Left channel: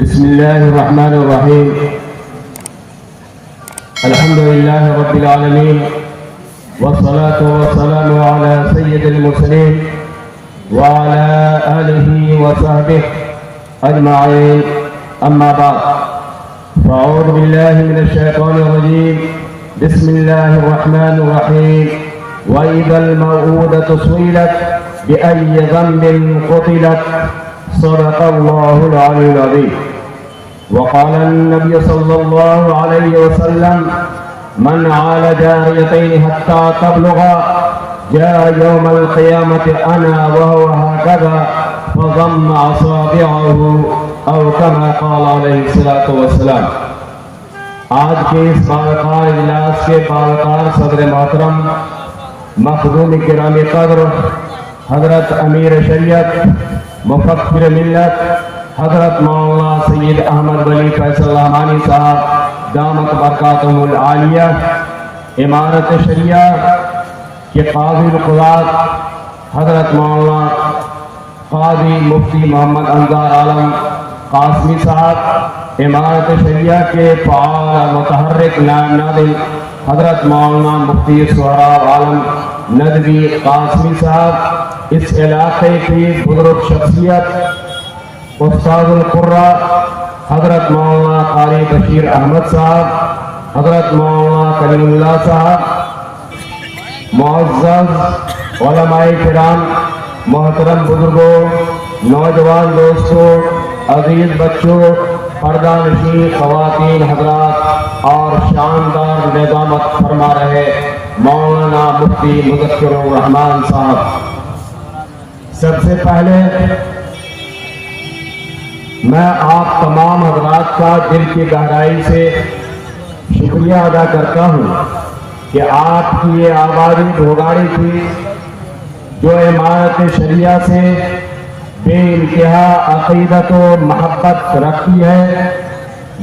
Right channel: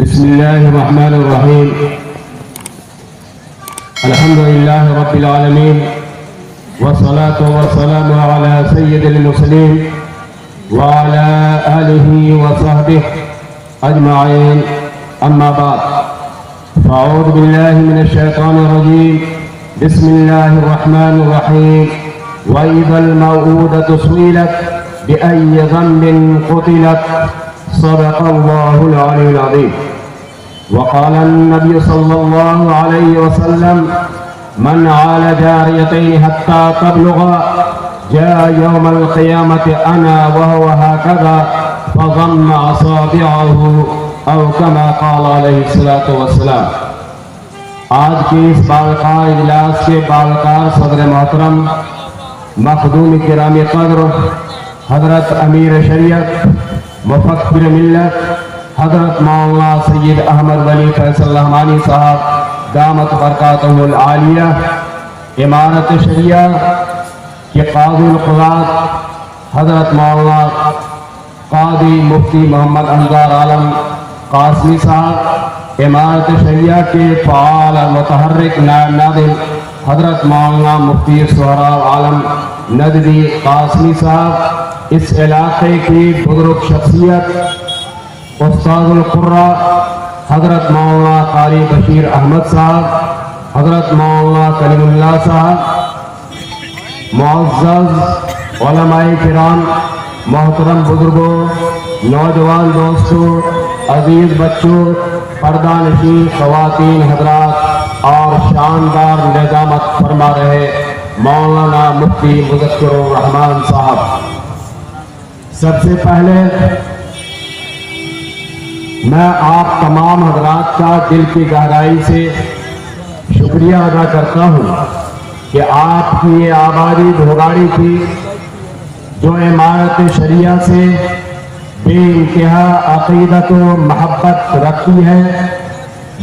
بسم الله الرحمن الرحيم. الحمد لله رب العالمين، والصلاة والسلام على سيد المرسلين وعلى آله وصحبه أجمعين. أما بعد، فأعوذ بالله من الشيطان الرجيم. بسم الله الرحمن الرحيم. وإذا الموءودة سئلت بأي ذنب قتلت. صدق الله العلي العظيم. وقال النبي صلى الله عليه وسلم: من عال جاريتين حتى تبلغا جاء يوم القيامة أنا وهو هكذا فضم أصابعه أو كما قال عليه الصلاة والسلام. آج کے اس باوقار اجلاس کے باوقار صدر محترم مخدوم کرام قدر حضرت امیر شریعت مفکر ملت حضرت مولانا سید احمد علی فیصل رحمانی صاحب دامت برکاتہ العالیہ، امارت شریعہ کے قاضی القضات حضرت مولانا قاضی مفتی محمد انصار عالم قاسمی صاحب، امارت شریعہ کے فعال متحرک نائب ناظم حضرت مولانا مفتی سہراب عالم ندوی قاسمی صاحب، اس علاقے کی بزرگ شخصیت استاد القرہ حضرت مولانا قاری بشیر احمد صاحب، حضرت مولانا کریم اللہ صاحب، معزز علماء کرام، محترم بزرگوں، نوجوان دوستوں، عزیز بچوں، پردہ نشین خواتین حضرات اور شاندار نظامت فرما رہے مولانا مفتی مظفر الرحمان صاحب، سب سے پہلے میں آپ تمام حضرات کا دل کی گہرائی سے شکریہ ادا کرتا ہوں کہ آپ کی یہ آبادی بھوگاڑی تھی جو امارت شریعہ سے بے انتہا عقیدت و محبت رکھتی ہے.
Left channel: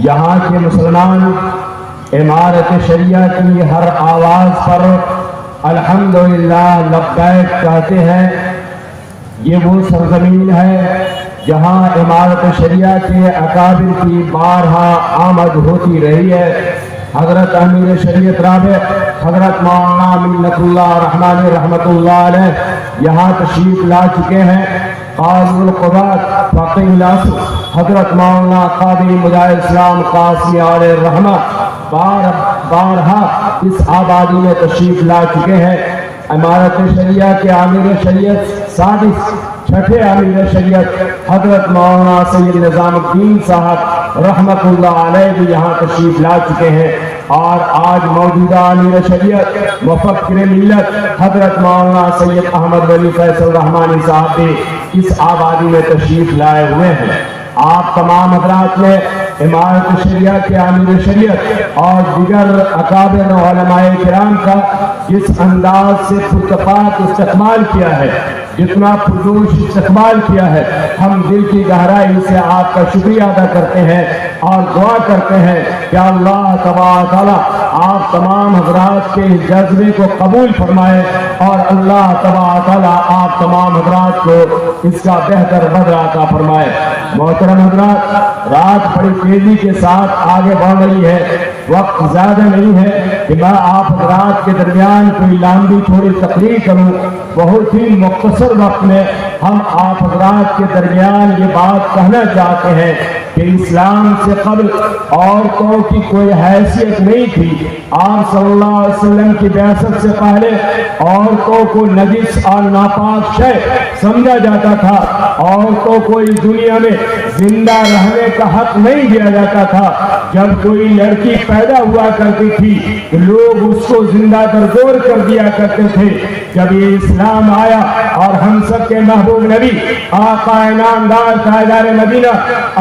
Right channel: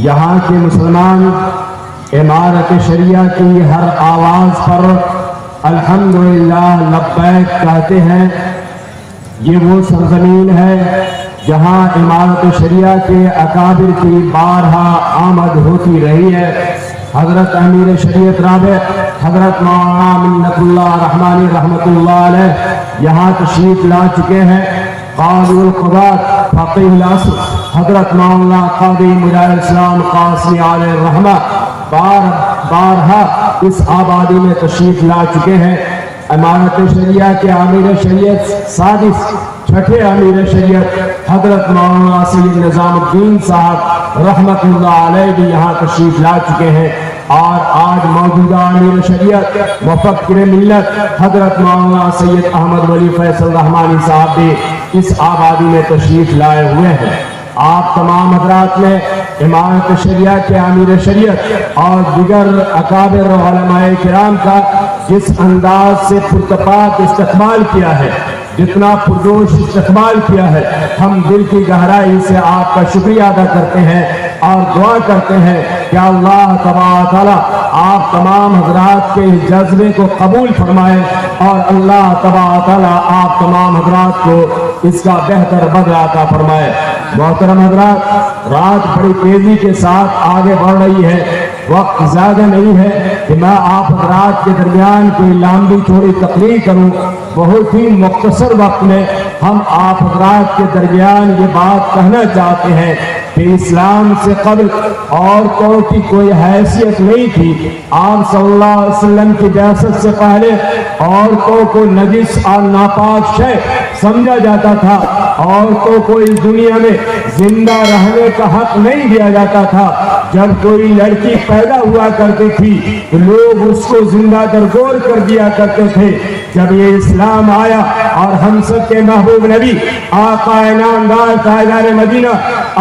یہاں کے مسلمان امارت شریعہ کی ہر آواز پر الحمدللہ لبیک کہتے ہیں. یہ وہ سرزمین ہے جہاں امارت شریعہ کے اکابر کی بارہا آمد ہوتی رہی ہے. حضرت امیر شریعت رابع حضرت مولانا منت اللہ رحمانی رحمت اللہ علیہ یہاں تشریف لا چکے ہیں. قاضی القضات فقیہ العصر حضرت مولانا قاضی مجاہد اسلام قاسمی علیہ الرحمہ بارہا اس آبادی میں تشریف لا چکے ہیں. امارت شریعہ کے امیر شریعت سادس چھٹے امیر شریعت حضرت مولانا سید نظام الدین صاحب رحمت اللہ علیہ بھی یہاں تشریف لا چکے ہیں. اور آج موجودہ امیر شریعت مفکر ملت حضرت مولانا سید احمد علی فیصل رحمانی صاحب بھی اس آبادی میں تشریف لائے ہوئے ہیں. آپ تمام حضرات نے امارت شریعہ کے امیر شریعت اور دیگر اکابر علماء کرام کا جس انداز سے پرتپاک استقبال کیا ہے، جتنا پرجوش استقبال کیا ہے، ہم دل کی گہرائی سے آپ کا شکریہ ادا کرتے ہیں اور دعا کرتے ہیں کہ اللہ تبارک تعالیٰ آپ تمام حضرات کے جذبے کو قبول فرمائے اور اللہ تبارک تعالیٰ آپ تمام حضرات کو اس کا بہتر بدلہ عطا فرمائے. محترم حضرات، رات بڑی تیزی کے ساتھ آگے بڑھ رہی ہے. وقت زیادہ نہیں ہے کہ میں آپ حضرات کے درمیان کوئی لمبی چوڑی تقریر کروں. بہت ہی مختصر وقت میں ہم آپ حضرات کے درمیان یہ بات کہنا چاہتے ہیں کہ اسلام سے قبل عورتوں کی کوئی حیثیت نہیں تھی. آپ صلی اللہ علیہ وسلم کی بعثت سے پہلے عورتوں کو نجس اور ناپاک شے سمجھا جاتا تھا. عورتوں کو اس دنیا میں زندہ رہنے کا حق نہیں دیا جاتا تھا. جب کوئی لڑکی پیدا ہوا کرتی تھی تو لوگ اس کو زندہ درگور کر دیا کرتے تھے. جب یہ اسلام آیا اور ہم سب کے محبوب نبی آقا نامدار تاجدار مدینہ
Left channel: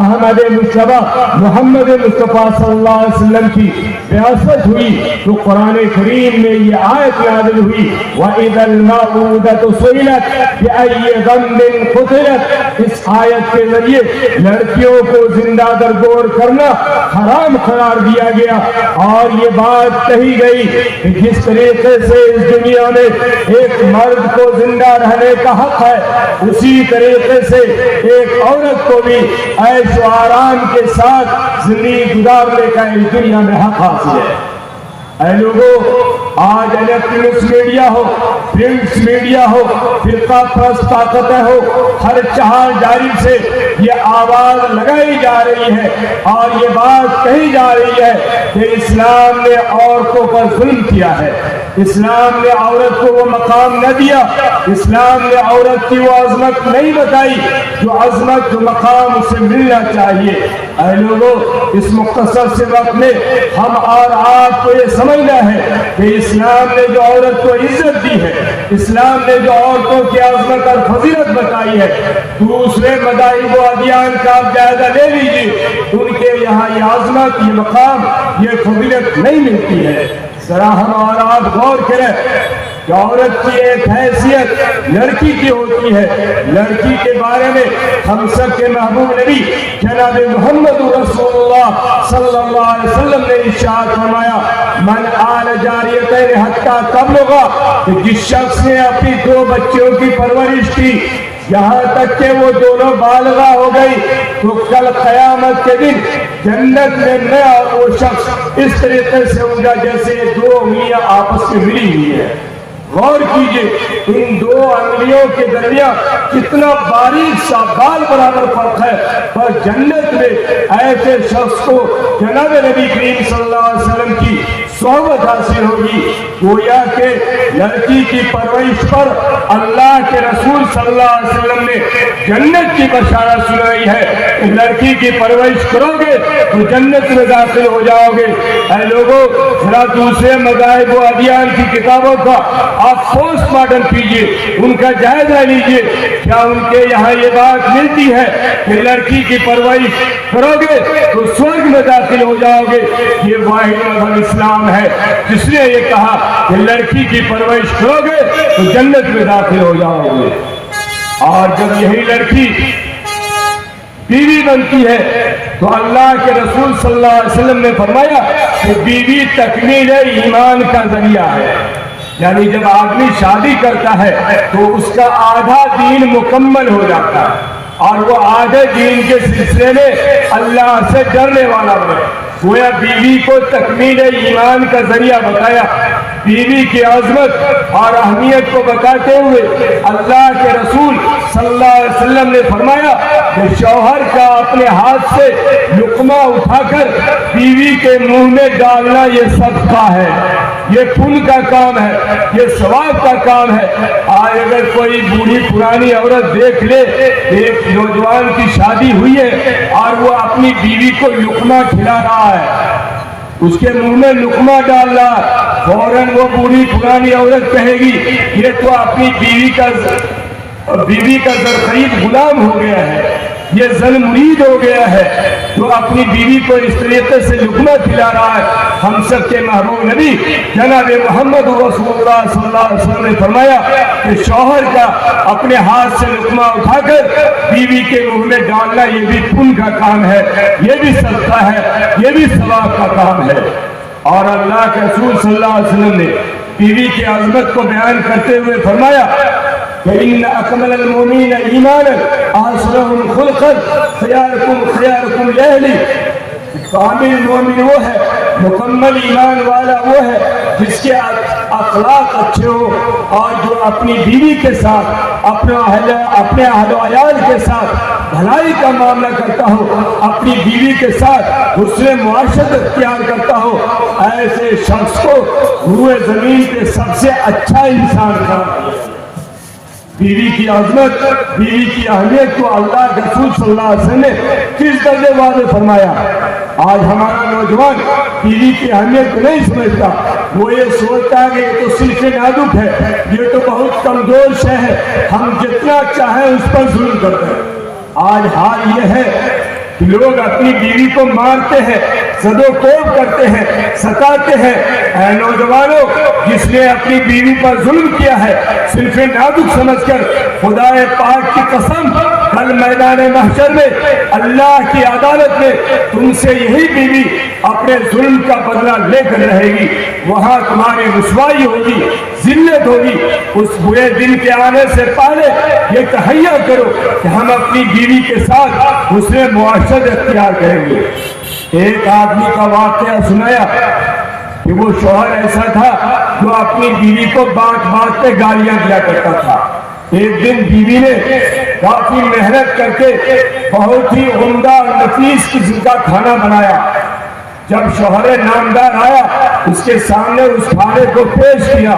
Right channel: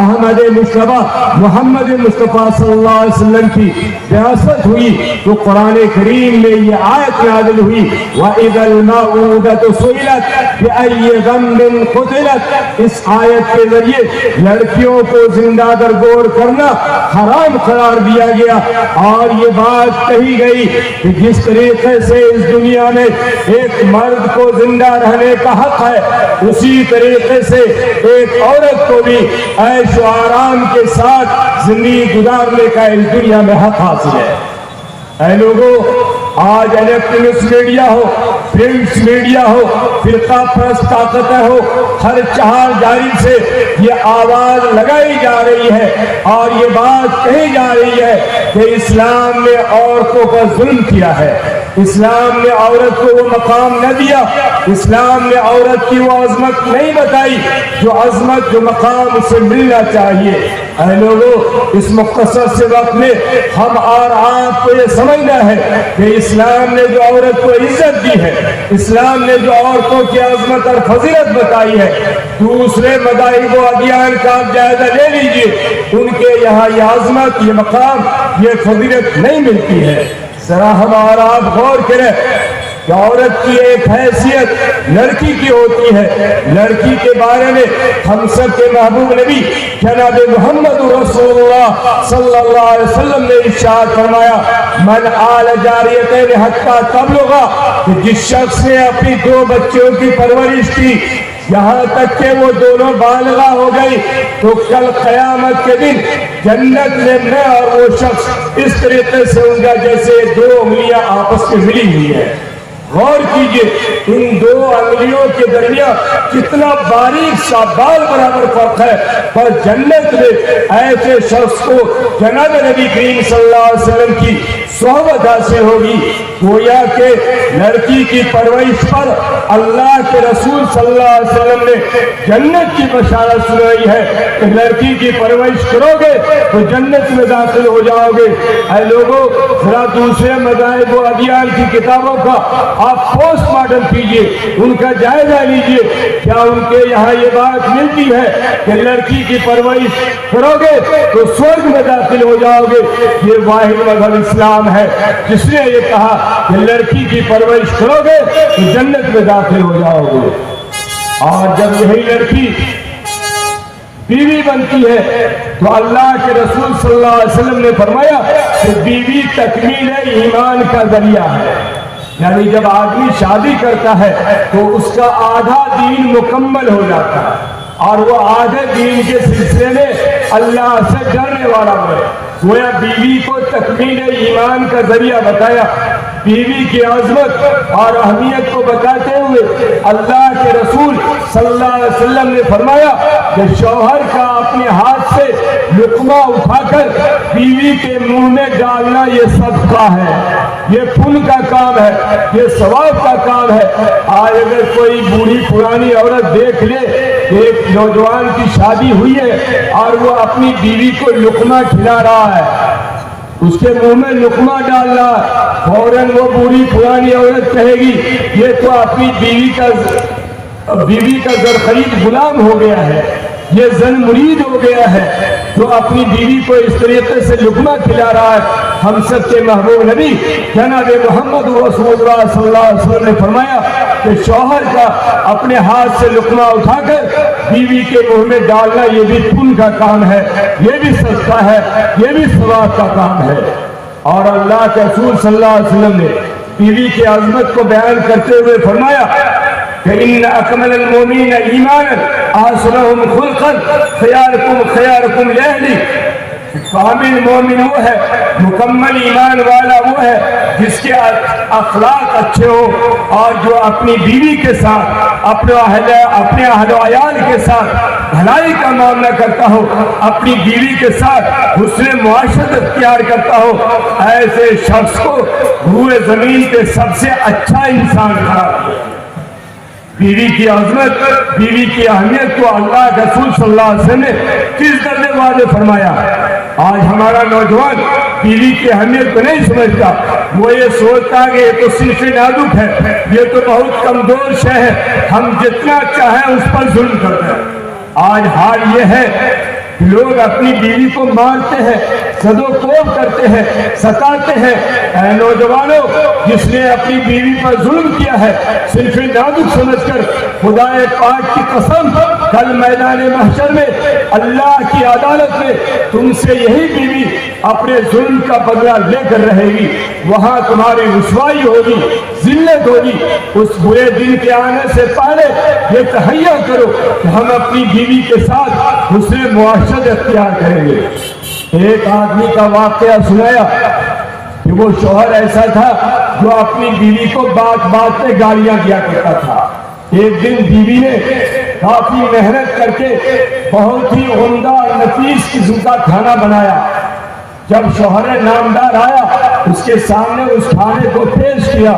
احمد مصطفیٰ محمد مصطفیٰ صلی اللہ علیہ وسلم کی بعثت ہوئی تو قرآن کریم میں یہ آیت نازل ہوئی وَإِذَا الْمَوْءُودَةُ سُئِلَتْ بِأَيِّ ذَنبٍ قُتِلَتْ. اس آیت کے ذریعے لڑکیوں کو زندہ درگور کرنا حرام قرار دیا گیا اور یہ بات کہی گئی کہ جس طریقے سے اس دنیا میں ایک مرد کو زندہ رہنے کا حق ہے، اسی طریقے سے ایک عورت کو بھی عیش و آرام کے ساتھ زندگی گزارنے کا اس دنیا میں حق حاصل ہے۔ اے لوگوں، آج الیکٹرانکس میڈیا ہو، پرنٹس میڈیا ہو، فرقہ پرست طاقتیں ہو، ہر چہار جانب سے یہ آواز لگائی جا رہی ہے اور یہ بات کہی جا رہی ہے کہ اسلام نے عورتوں پر ظلم کیا ہے، اسلام نے عورت کو وہ مقام نہ دیا، اسلام نے عورت کی وہ عظمت نہیں بتائی جو عظمت جو مقام اسے ملنا چاہیے۔ اے لوگوں، اس مختصر سے وقت میں ہم اور آپ کو یہ سمجھنا ہے کہ اسلام نے جو عورت کو عزت دی ہے، اسلام نے جو عورتوں کی عظمت اور فضیلت بتائی ہے، دوسرے مذاہب و ادیان کا آپ جائزہ لے لیجیے، ان کے یہاں یہ عظمت، یہ مقام، یہ فضیلت نہیں ملتی ہے۔ ذرا ہمارا آپ غور کریں کہ عورت کی ایک حیثیت لڑکی کی ہوتی ہے۔ لڑکی کے بارے میں ہم سب کے محبوب نبی جناب محمد رسول اللہ صلی اللہ علیہ وسلم نے ارشاد فرمایا، من آل جاریتین حتی تبلغا، کہ جس شخص نے اپنی دو بچوں کی پرورش کی یہاں تک کہ وہ دونوں بالغہ ہو گئی، تو کل قیامت کے دن جنت میں اور وہ شخص اس طریقے سے ہوگا جیسے دو انگلیاں آپس میں ملی ہوئی ہے۔ غور کیجئے، ان دو انگلیوں کے درمیان کتنا باریک سا بال برابر فرق ہے، پر جنت میں ایسے شخص کو جناب نبی کریم صلی اللہ علیہ وسلم کی صحبت حاصل ہوگی۔ گویا کہ لڑکی کی پرورش پر اللہ کے رسول صلی اللہ علیہ وسلم نے جنت کی بشارت سنائی ہے کہ لڑکی کی پرورش کرو گے تو جنت میں داخل ہو جاؤ گے۔ اے لوگوں، ذرا دوسرے مذاہب و ادیان کی کتابوں کا آپ پوسٹ مارٹم کیجئے، ان کا جائزہ لیجئے، کیا ان کے یہاں یہ بات ملتی ہے کہ لڑکی کی پرورش کرو گے تو سورگ میں داخل ہو جاؤ گے؟ یہ واحد مذہب اسلام ہے جس نے یہ کہا کہ لڑکی کی پرورش کرو گے تو جنت میں داخل ہو جاؤ گے۔ اور جب یہی لڑکی بیوی بنتی ہے تو اللہ کے رسول صلی اللہ علیہ وسلم نے فرمایا کہ بیوی تکمیل ایمان کا ذریعہ ہے، یعنی جب آدمی شادی کرتا ہے تو اس کا آدھا دین مکمل ہو جاتا ہے اور وہ آدھے دین کے سلسلے میں اللہ سے ڈرنے والا ہو۔ گویا بیوی کو تکمیل ایمان کا ذریعہ بتایا۔ بیوی کی عظمت اور اہمیت کو بتاتے ہوئے اللہ کے رسول صلی اللہ علیہ وسلم نے فرمایا کہ شوہر کا اپنے ہاتھ سے لقمہ اٹھا کر بیوی کے منہ میں ڈالنا یہ صدقہ ہے، یہ پن کا کام ہے، یہ ثواب کا کام ہے۔ آج اگر کوئی بوڑھی پرانی عورت دیکھ لے، ایک نوجوان کی شادی ہوئی ہے اور وہ اپنی بیوی کو لقمہ کھلا رہا ہے، اس کے منہ میں لقمہ ڈال رہا، فوراً وہ بوڑھی پرانی عورت کہے گی یہ تو اپنی بیوی کا زرخرید غلام ہو گیا ہے، یہ زن مرید ہو گیا ہے جو اپنی بیوی کو اس طریقے سے لقمہ کھلا رہا ہے۔ ہم سب کے محبوب نبی جناب محمد رسول اللہ صلی اللہ علیہ وسلم نے فرمایا کہ شوہر کا اپنے ہاتھ سے لقمہ اٹھا کر بیوی کے منہ میں ڈالنا یہ بھی پن کا کام ہے، یہ بھی صدقہ ہے، یہ بھی ثواب کا کام ہے۔ اور اللہ کے رسول صلی اللہ علیہ وسلم نے بیوی کی عظمت کو بیان کرتے ہوئے فرمایا کہ ان اکمل المؤمنین ایمانا احسنهم خلقا خیارکم خیارکم لأہلی، کامل مومن وہ ہے، مکمل ایمان والا وہ ہے جس کے اخلاق اچھے ہو اور جو اپنی بیوی کے ساتھ، اپنے اہل و عیال کے ساتھ بھلائی کا معاملہ کرتا ہو، اپنی بیوی کے ساتھ حسن معاشرت اختیار کرتا ہو۔ ایسے شخص کو روئے زمین کے سب سے اچھا انسان قرار دیا۔ بیوی کی عظمت، بیوی کی اہمیت کو اللہ کے رسول صلی اللہ علیہ وسلم نے کس درجے واضح فرمایا۔ آج ہمارا نوجوان بیوی کی اہمیت کو نہیں سمجھتا، وہ یہ سوچتا ہے کہ یہ تو صرف نازک ہے، یہ تو بہت کمزور شے ہے، ہم جتنا چاہیں اس پر ظلم کرتے ہیں۔ آج حال یہ ہے کہ لوگ اپنی بیوی کو مارتے ہیں، زد و کوب کرتے ہیں، ستاتے ہیں۔ اے نوجوانوں، جس نے اپنی بیوی پر ظلم کیا ہے صرف نازک سمجھ کر، خدا پاک کی قسم کل میدان محشر میں اللہ کی عدالت میں تم سے یہی بیوی اپنے ظلم کا بدلہ لے کر رہے گی، وہاں تمہاری رسوائی ہوگی، ذلت ہوگی۔ اس برے دن کے آنے سے پہلے یہ تہیا کرو کہ ہم اپنی بیوی کے ساتھ حسن معاشرت اختیار کریں گے۔ ایک آدمی کا واقعہ سنایا کہ وہ شوہر ایسا تھا جو اپنی بیوی کو بات بات پہ گالیاں دیا کرتا تھا۔ ایک دن بیوی نے کافی محنت کر کے بہت ہی عمدہ اور نفیس قسم کا کھانا بنایا۔ جب شوہر نامدار آیا اس کے سامنے اس کھانے کو پیش کیا،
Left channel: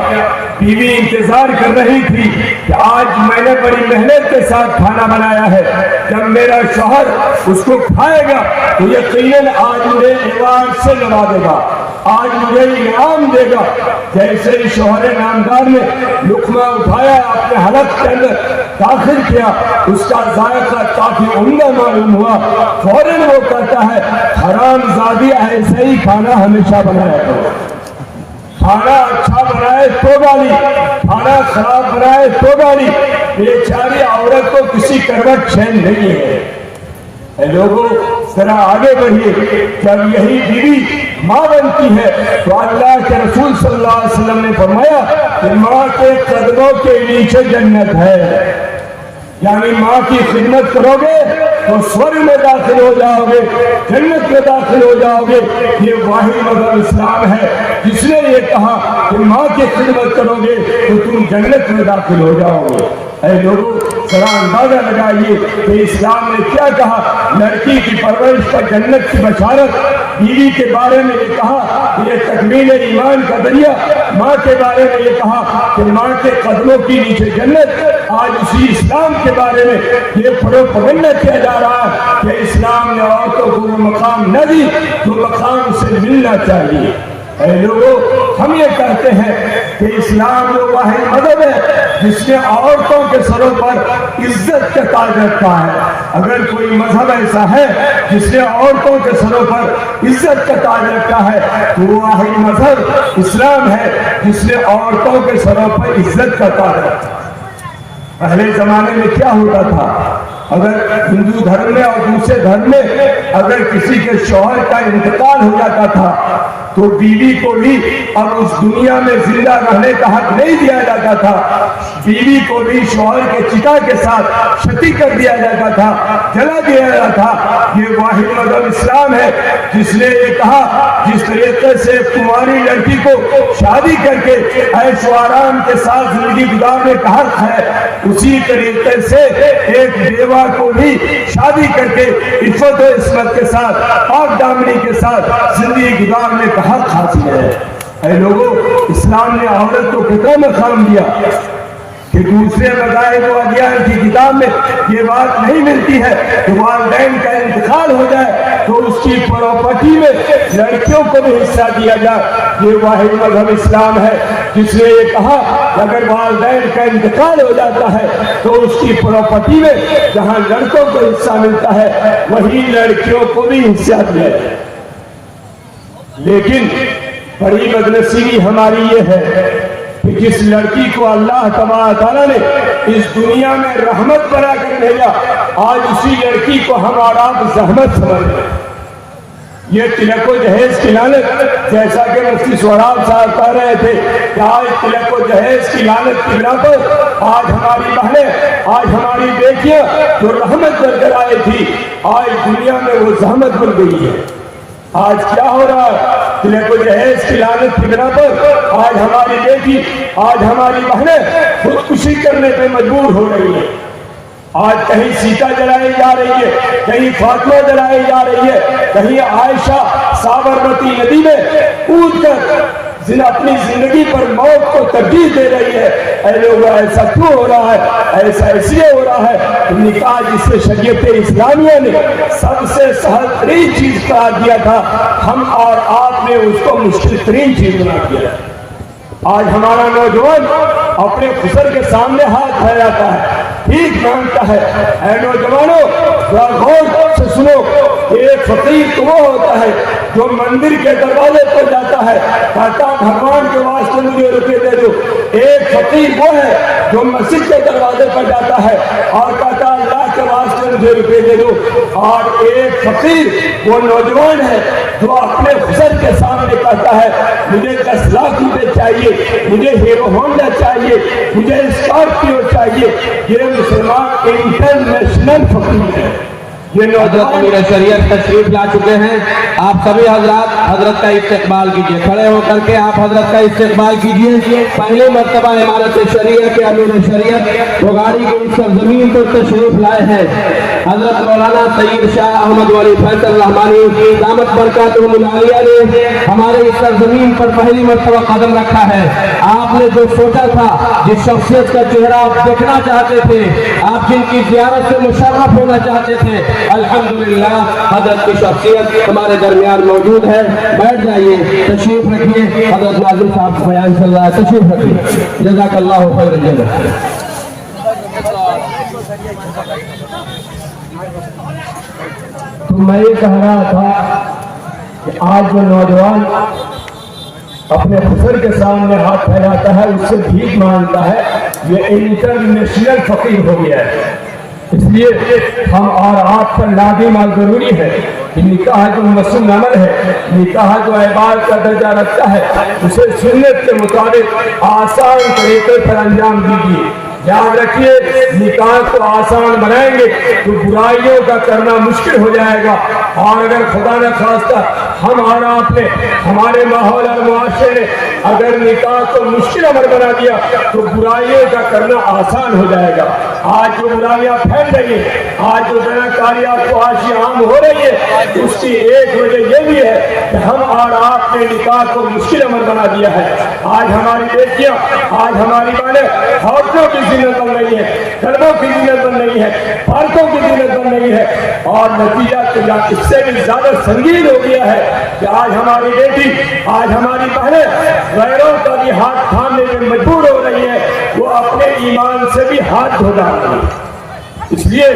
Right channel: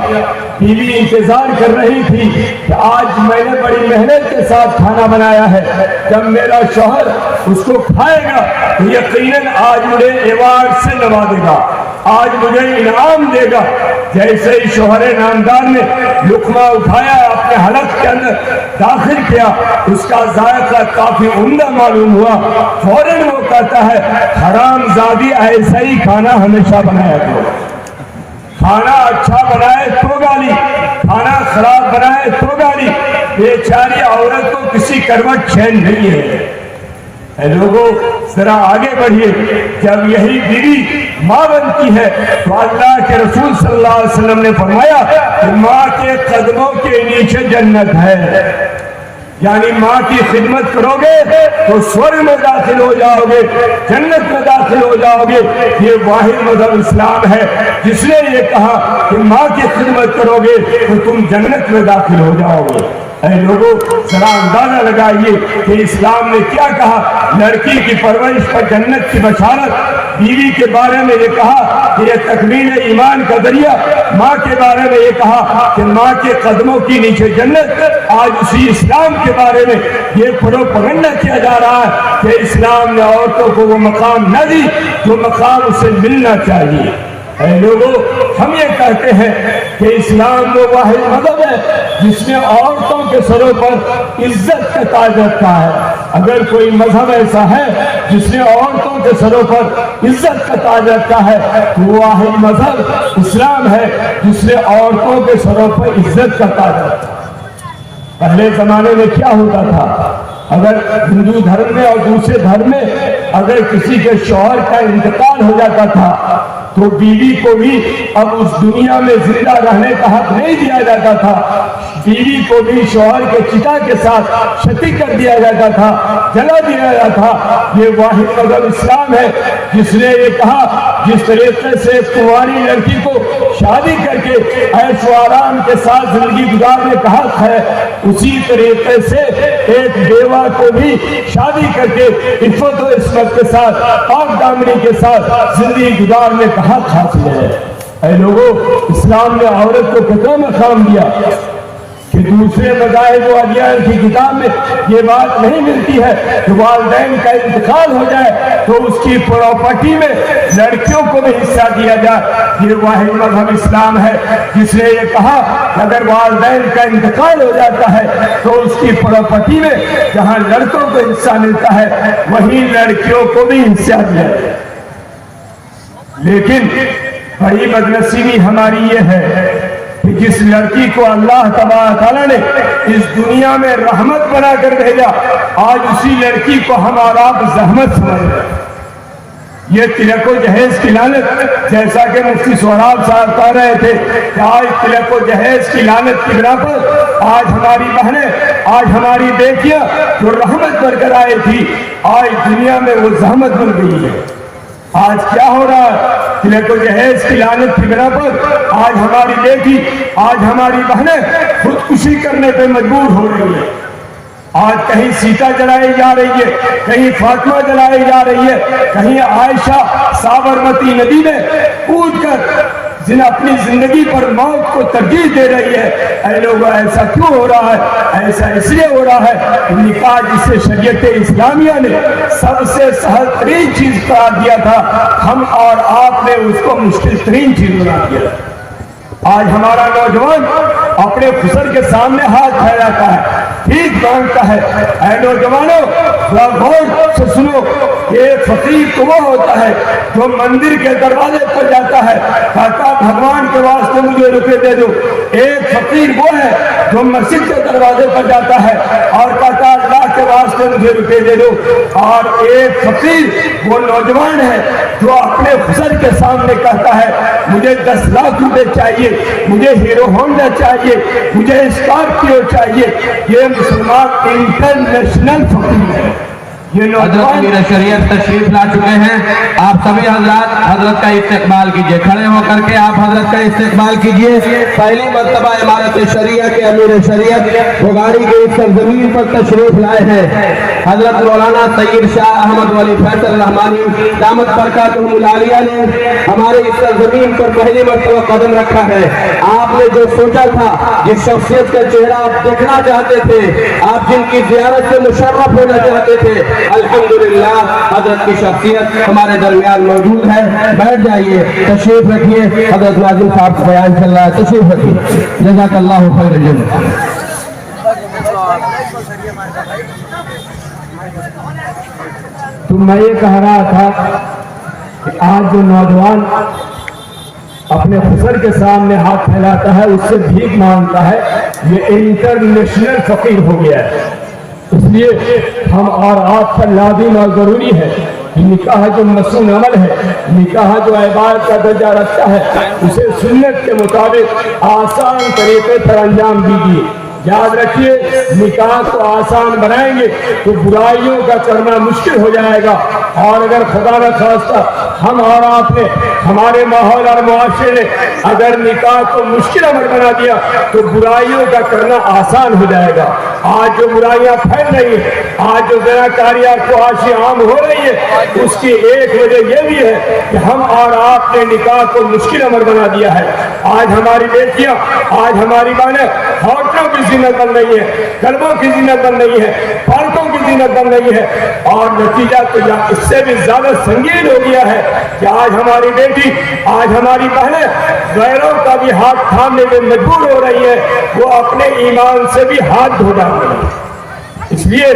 بیوی انتظار کر رہی تھی کہ آج میں نے بڑی محنت کے ساتھ کھانا بنایا ہے، جب میرا شوہر اس کو کھائے گا تو یقیناً آج مجھے ایوارڈ سے نوازے گا، آج مجھے انعام دے گا۔ جیسے ہی شوہر نامدار نے لقمہ اٹھایا، اپنے حلق کے اندر داخل کیا، اس کا ذائقہ کافی عمدہ معلوم ہوا۔ فوراً وہ کہتا ہے، حرام زادی ایسا ہی کھانا ہمیشہ بنایا کرو، کھانا اچھا بنائے تو گالی، کھانا خراب بنائے تو گالی۔ بیچاری عورت کو کسی کروٹ چین نہیں ہے۔ اے لوگوں ذرا آگے بڑھیے، جب یہی بیوی ماں بنتی ہے تو اللہ کے رسول صلی اللہ علیہ وسلم نے فرمایا کہ ماں کے قدموں کے نیچے جنت ہے، یعنی ماں کی خدمت کرو گے تو سورگ میں داخل ہو جاؤ گے، جنت میں داخل ہو جاؤ گے۔ یہ واحد مذہب اسلام ہے جس نے یہ کہا کہ ماں کی خدمت کرو گے تو تم جنت میں داخل ہو جاؤ گے۔ اے لوگوں ذرا اندازہ لگائیے کہ اسلام نے کیا کہا۔ لڑکی کی پرورش کا جنت کی بشارت، بیوی کے بارے میں یہ کہا کہ یہ تکمیل ایمان کا ذریعہ، ماں کے بارے میں یہ کہا کہ ماں کے قدموں کی نیچے جنت۔ آج اسی اسلام کے بارے میں یہ پروپیگنڈا کیا جا رہا ہے کہ اسلام نے عورتوں کو وہ مقام نہ دی جو مقام اسے ملنا چاہیے۔ اے لوگوں ہم یہ کہتے ہیں کہ اسلام وہ واحد مذہب ہے جس نے عورتوں کے سروں پر عزت کا تاج رکھا ہے۔ اگر کوئی مذہب ایسا ہے جس نے عورتوں کے سروں پر عزت کا تاج رکھا ہے تو وہ واحد مذہب اسلام ہے جس نے عورتوں کے سروں پر عزت کا تاج رکھا۔ پہلے زمانے میں کیا ہوتا تھا، اگر ہندو دھرم میں اور دوسرے دھرم میں اگر کسی کے شوہر کا انتقال ہو جاتا تھا تو بیوی کو بھی اب اس دنیا میں زندہ رہنے کا حق نہیں دیا جاتا تھا، بیوی کو بھی شوہر کے چتا کے ساتھ شتی کر دیا جاتا تھا، جلا دیا جاتا تھا۔ یہ واحد مذہب اسلام ہے جس نے یہ کہا جس طریقے سے کماری لڑکی کو شادی کر کے عیش و آرام کے ساتھ زندگی گزارنے کا حق ہے، اسی طریقے سے ایک بیوہ کو بھی شادی کر کے عفت و عصمت کے ساتھ، پاک دامنی کے ساتھ زندگی گزارنے کا حق حاصل ہے۔ اے لوگوں اسلام نے عورت کو کتنا مقام دیا کہ دوسرے مذاہب و ادیان کی کتاب میں یہ بات نہیں ملتی ہے کہ والدین کا انتقال ہو جائے تو اس کی پراپرٹی میں لڑکیوں کو بھی حصہ دیا جائے۔ یہ واحد مذہب اسلام ہے جس نے یہ کہا کہ اگر والدین کا انتقال ہو جاتا ہے تو اس کی پراپرٹی میں جہاں لڑکوں کو حصہ ملتا ہے وہیں لڑکیوں کو بھی حصہ دیا جائے۔ لیکن بڑی بدنصیبی ہماری یہ ہے کہ جس لڑکی کو اللہ تبارک تعالیٰ نے اس دنیا میں رحمت بنا کر بھیجا، آج اسی لڑکی کو ہمارا زحمت سمجھ رہے ہیں۔ یہ تلک و جہیز کی لعنت، جیسا کہ مفتی سہراب صاحب کہہ رہے تھے کہ آج تلک و جہیز کی لعنت کی بنا پر آج ہماری بہنیں، آج ہماری بیٹیاں جو رحمت بن کر آئی تھی آج دنیا میں وہ زحمت بن گئی ہے۔ آج کیا ہو رہا ہے، تلک و جہیز کی لعنت کی بنا پر آج ہماری بیٹی، آج ہماری بہنیں خودکشی کرنے پہ مجبور ہو رہی ہے۔ آج کہیں سیتا جلائی جا رہی ہے، کہیں فاطمہ جلائی جا رہی ہے، کہیں عائشہ سابرمتی ندی میں کود کر اپنی زندگی پر موت کو ترجیح دے رہی ہے۔ اے لوگوں ایسا کیوں ہو رہا ہے؟ ایسا اس لیے ہو رہا ہے کہ نکاح جسے شریعت اسلامیہ نے سب سے سہل ترین چیز قرار دیا تھا، ہم اور آپ نے اس کو مشکل ترین چیز بنا دیا۔ آج ہمارا نوجوان اپنے خسر کے سامنے ہاتھ پھیلاتا ہے، ٹھیک مانگتا ہے۔ اے نوجوانوں غور سے سنو، ایک فقیر تو وہ ہوتا ہے جو مندر کے دروازے پر جاتا ہے کہتا بھگوان کے واسطے مجھے روپے دے دو۔ ایک فقیر وہ ہے جو مسجد کے دروازے پر جاتا ہے اور کہتا اللہ کے واسطے مجھے روپے دے دو۔ اور وہ نوجوان ہے جو اپنے خسر کے سامنے کہتا ہے مجھے 10 لاکھ روپے چاہیے، مجھے ہیرو ہونڈا چاہیے، مجھے اسکارپیو چاہیے. یہ مسلمان انٹرنیشنل فقیر ہے. حضرت امیر شریعت تشریف لا چکے ہیں. آپ سبھی حضرات حضرت کا استقبال کیجئے، کھڑے ہو کر کے آپ حضرت کا استقبال کیجئے. پہلی مرتبہ امارت شریعت کے امیر شریعت بھگاڑی کے اس سرزمین پر تشریف لائے ہیں. حضرت مولانا سید شاہ احمد ولی فیصل رحمانی دامت برکاتہم العالیہ نے ہمارے اس سرزمین پر پہلی مرتبہ قدم رکھا ہے. آپ نے جو سوچا تھا، جس شخصیت کا چہرہ آپ دیکھنا چاہتے تھے، آپ جن کی زیارت سے مشرف ہونا چاہتے تھے، الحمدللہ حضرت کی شخصیت ہمارے درمیان موجود ہے. بیٹھ جائیے، تشریف رکھیے. حضرت ناظم صاحب بیان چل رہا ہے، تشریف رکھیے. جزاک اللہ خیر الجزا. تو میں یہ کہہ رہا تھا کہ آج جو نوجوان اپنے خسر کے سامنے ہاتھ پھیلاتا ہے، اس سے بھیک مانگتا ہے، یہ انٹرنیشنل فقیر ہو گیا ہے. اس لیے ہم اور آپ پر لازم اور ضروری ہے کہ نکاح جو مسنون عمل ہے، نکاح جو عبادت کا درجہ رکھتا ہے، اسے سنت کے مطابق آسان طریقے پر انجام دیجیے. یاد رکھیے، نکاح کو آسان بنائیں گے تو برائیوں کا کرنا مشکل ہو جائے گا. اور اگر خدا نہ خواستہ ہم اور آپ نے، ہمارے ماحول اور معاشرے نے اگر نکاح کو مشکل عمل بنا دیا تو برائیوں کا کرنا آسان ہو جائے گا. آج جو برائیاں پھیل رہی ہیں، آج جو زناکاری اور فحاشی عام ہو رہی ہے، اس کی ایک وجہ یہ بھی ہے کہ ہم اور آپ نے نکاح کو مشکل عمل بنا دیا ہے. آج ہماری بیٹیاں، آج ہماری بہنیں عورتوں کی زینت بن رہی ہے، کلبوں کی زینت بن رہی ہے، پالکوں کی زینت بن رہی ہے. اور نتیجہ تو اس سے بھی زیادہ سنگین ہو گیا ہے کہ آج ہماری بیٹی، آج ہماری بہنیں غیروں کا بھی ہاتھ تھامنے میں مجبور ہو رہی ہے، وہ اپنے ایمان سے بھی ہاتھ دھو ڈال رہی ہے. اس لیے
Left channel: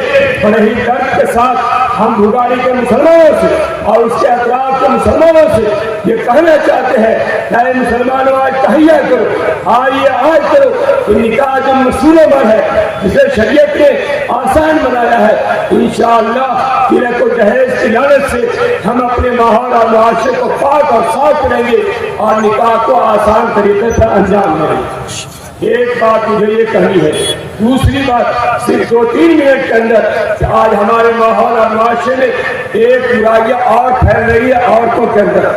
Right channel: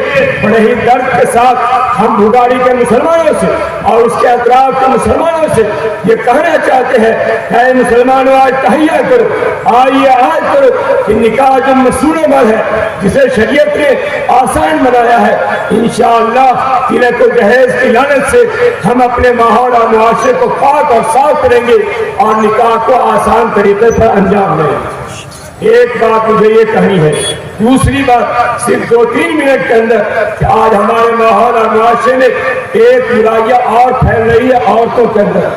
بڑے ہی درد کے ساتھ ہم بھگاڑی کے مسلمانوں سے اور اس کے اطراف کے مسلمانوں سے یہ کہنا چاہتے ہیں کہ اے مسلمانوں، آج تہیہ کرو، آئیے آج کرو کہ نکاح جو مسنون عمل ہے، جسے شریعت نے آسان بنایا ہے، انشاءاللہ قلعہ کو جہیز کی لعنت سے ہم اپنے ماحول اور معاشرے کو پاک اور صاف کریں گے اور نکاح کو آسان طریقے پر انجام دیں گے. ایک بات مجھے یہ کہنی ہے. دوسری بات صرف 2-3 منٹ کے اندر کہ آج ہمارے ماحول اور معاشرے میں ایک برائیاں اور پھیل رہی ہے عورتوں کے اندر.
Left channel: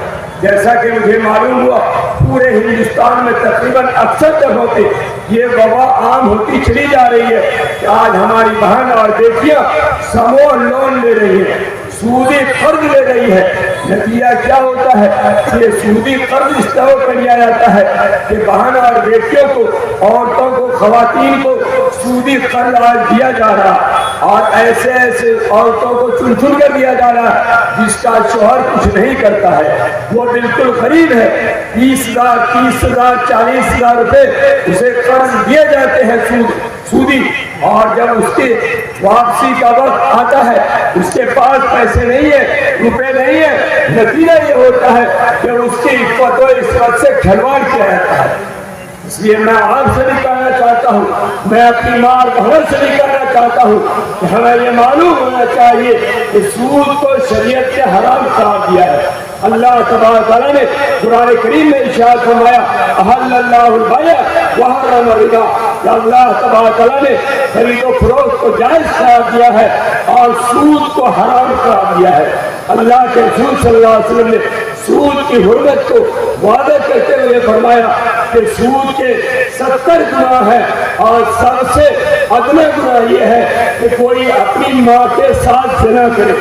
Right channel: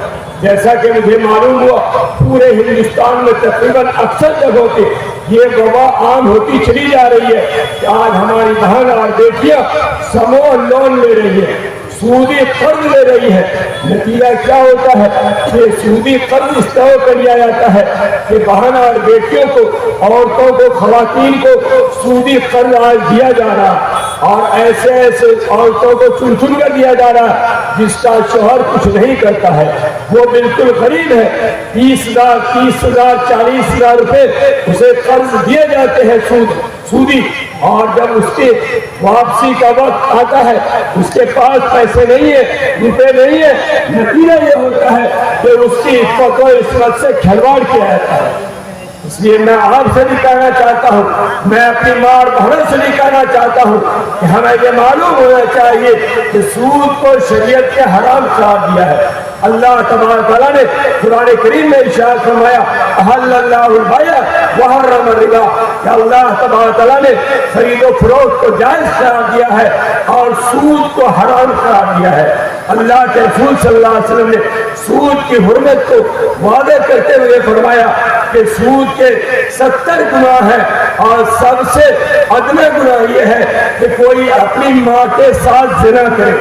جیسا کہ مجھے معلوم ہوا پورے ہندوستان میں تقریباً اکثر جگہوں پہ یہ وبا عام ہوتی چلی جا رہی ہے کہ آج ہماری بہن اور بیٹیاں سمو لون لے رہی ہے، سودی قرض لے رہی ہے. نتیجہ کیا ہوتا ہے کہ سودی قرض اس طرح کر لیا جاتا ہے کہ بہن اور بیٹیوں کو، عورتوں کو، خواتین کو سودی قرض آج دیا جا رہا اور ایسے ایسے عورتوں کو چن چن کر دیا جا رہا جس کا شوہر کچھ نہیں کرتا ہے، وہ بالکل غریب ہے. 20,000 30,000 40,000 روپے اسے قرض دیے جاتے ہیں سودی. اور جب اس کی واپسی کا وقت آتا ہے اس کے پاس پیسے نہیں ہے، روپے نہیں ہے. نتیجہ یہ ہوتا ہے کہ اس کی عفت و عصمت سے کھلواڑ کیا جاتا ہے. اس لیے میں آپ سے بھی کہنا چاہتا ہوں، میں اپنی ماں اور بہن سے بھی کہنا چاہتا ہوں کہ ہمیں یہ معلوم ہونا چاہیے کہ سود کو شریعت کے حرام قرار دیا ہے. اللہ تبارک تعالیٰ نے قرآن کریم میں ارشاد فرمایا احل اللہ البیع وحرم الربا، کہ اللہ تبارک تعالیٰ نے خرید و فروخت کو جائز قرار دیا ہے اور سود کو حرام قرار دیا ہے. اللہ کے رسول صلی اللہ علیہ وسلم نے سود کی حرمت کو واضح کرتے ہوئے فرمایا کہ سود کے 70 گناہ ہیں اور سب سے عدم گناہ یہ ہے کہ کوئی اپنی ماں کے ساتھ زنا کرے.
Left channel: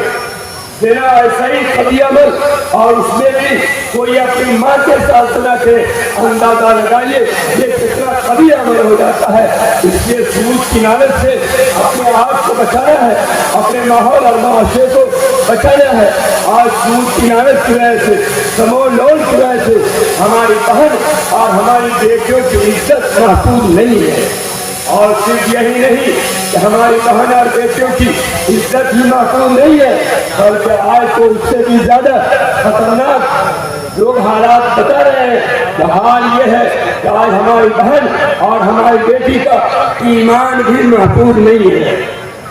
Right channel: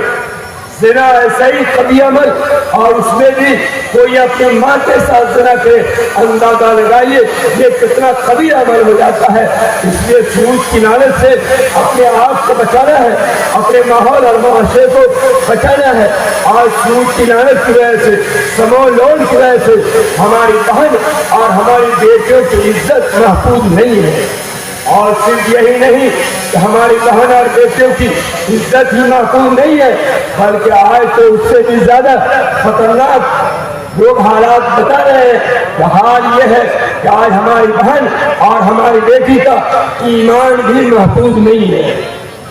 زنا ایسا ہی قبیح عمل اور اس میں بھی کوئی اپنی ماں کے ساتھ زنا کرے. اندازہ لگائیے یہ کتنا قبیح عمل ہو جاتا ہے. اس لیے سود کی لعنت سے اپنے آپ کو بچانا ہے، اپنے ماحول اور معاشرے کو بچانا ہے. آج سود کی لعنت کی وجہ سے، سمو لون کی وجہ سے ہماری بہن اور ہماری بیٹیوں کی عزت محفوظ نہیں ہے. اور صرف یہی نہیں کہ ہماری بہن اور بیٹیوں کی عزت ہی محفوظ نہیں ہے، بلکہ آج تو اس سے بھی زیادہ خطرناک لوگ حالات بتا رہے ہیں کہ حال یہ ہے کہ آج ہماری بہن اور ہماری بیٹی کا ایمان بھی محفوظ نہیں ہے.